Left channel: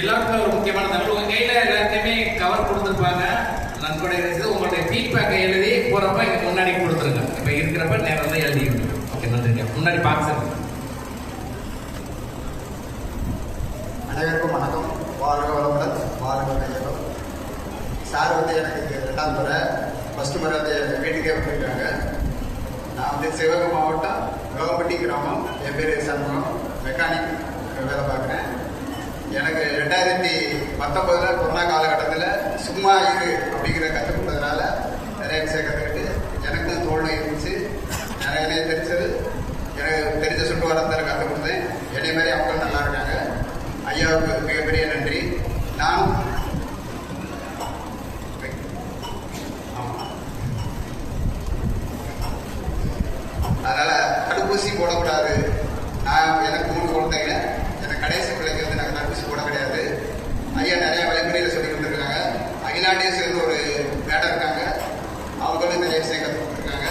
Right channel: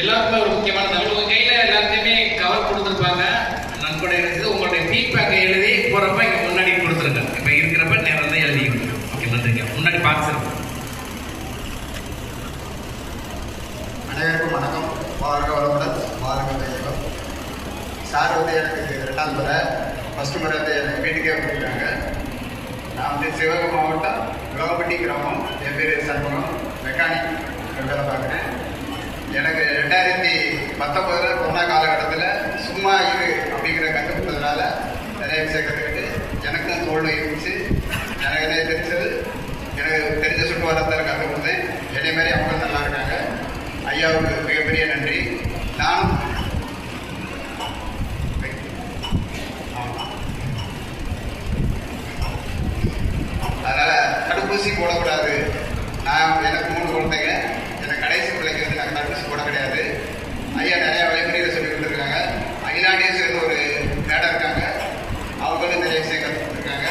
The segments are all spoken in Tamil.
எல்லாருக்குமே ஒரு முக்கியமான தகவல். உங்க கையில எல்லாத்தையுமே கவர் கொடுத்துருப்பாங்க. நன்கொடை எடுத்து உங்களுடைய ஃபீட்பேக்கை எழுதி போறப்ப இங்க முன்னாடி கொடுத்துருங்க. இப்ப இருக்கிறப்ப நேரம் தான் எழுதிக்கணும். ஓகே, நன்றிங்க. முன்னாடி பாக்ஸ் இருக்கு. அனைவருக்கும் வணக்கம். வாழ்க வளமுடன், வாழ்க வளமுடன். சார் வந்து எனக்கு 2ஆம் முறை, ஃபர்ஸ்ட் முறை வந்து எங்கள் வீட்டுக்கே வந்துருக்காங்க. நான் வந்து சிவகங்கை மாவட்டம் ரோகப்பட்டி கிராமம். என் பேர் சண்முகம், மெக்கானிக் வேலை பார்க்குறேன். எனக்கு 2019 கொரோனா காலகட்டத்தில் சும்மா இரு அப்படிங்கிற கற்றுக்கிட்டதுனால நிறைய விஷயம் கற்றுக்கிட்டு எனக்கும் தோல்வி இருந்துச்சு. எனக்கு தெரிஞ்சது, எனக்கு தெரிஞ்ச சுற்றுவாரத்தை கற்றுக் கொடுத்தேன். என்னை மாதிரி அவங்க நல்லா இருக்காங்க. ஐயாவுக்கு மிகப்பெரிய நன்றி. நான் அதனால் தடுப்பூசி போடக்கூடாது. எனக்கு 3 குழந்தைங்க. எனக்கு கடைசி பிள்ளைக்கு நாங்கள் தடுப்பூசி போட கிடையாது. ஐயா நிறையா வழிமுறையில் சொல்லி கொடுத்துருக்காங்க. அகிலாண்டியை சேர்ந்து ஒரு மேடம் இருக்காங்க, அவங்களும் நிறைய விஷயம் கற்றுக் கொடுத்துருக்காங்க.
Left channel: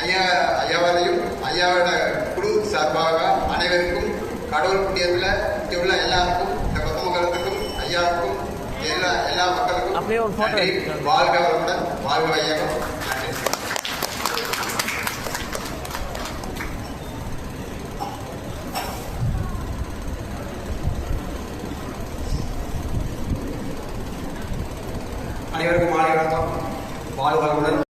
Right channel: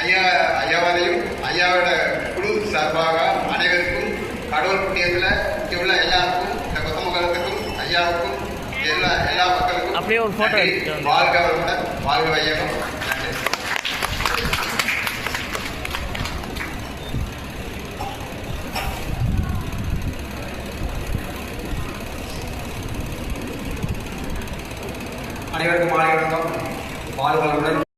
ஐயாவாலையும் ஐயாவோட குழு சார்பாக அனைவருக்கும் கடவுள் புண்ணியத்தில் இங்குள்ள எல்லாருக்கும், இந்த கொத்தமங்கலத்துக்கும் ஐயாவுக்கும் எல்லா மக்களுக்கும் அப்படியே ஒரு போட்டோ வாழ்க வளமுடன், வாழ்க வையகம். அனைவருக்கும் மாலை வணக்கம். வாழ்க வளமுடன்.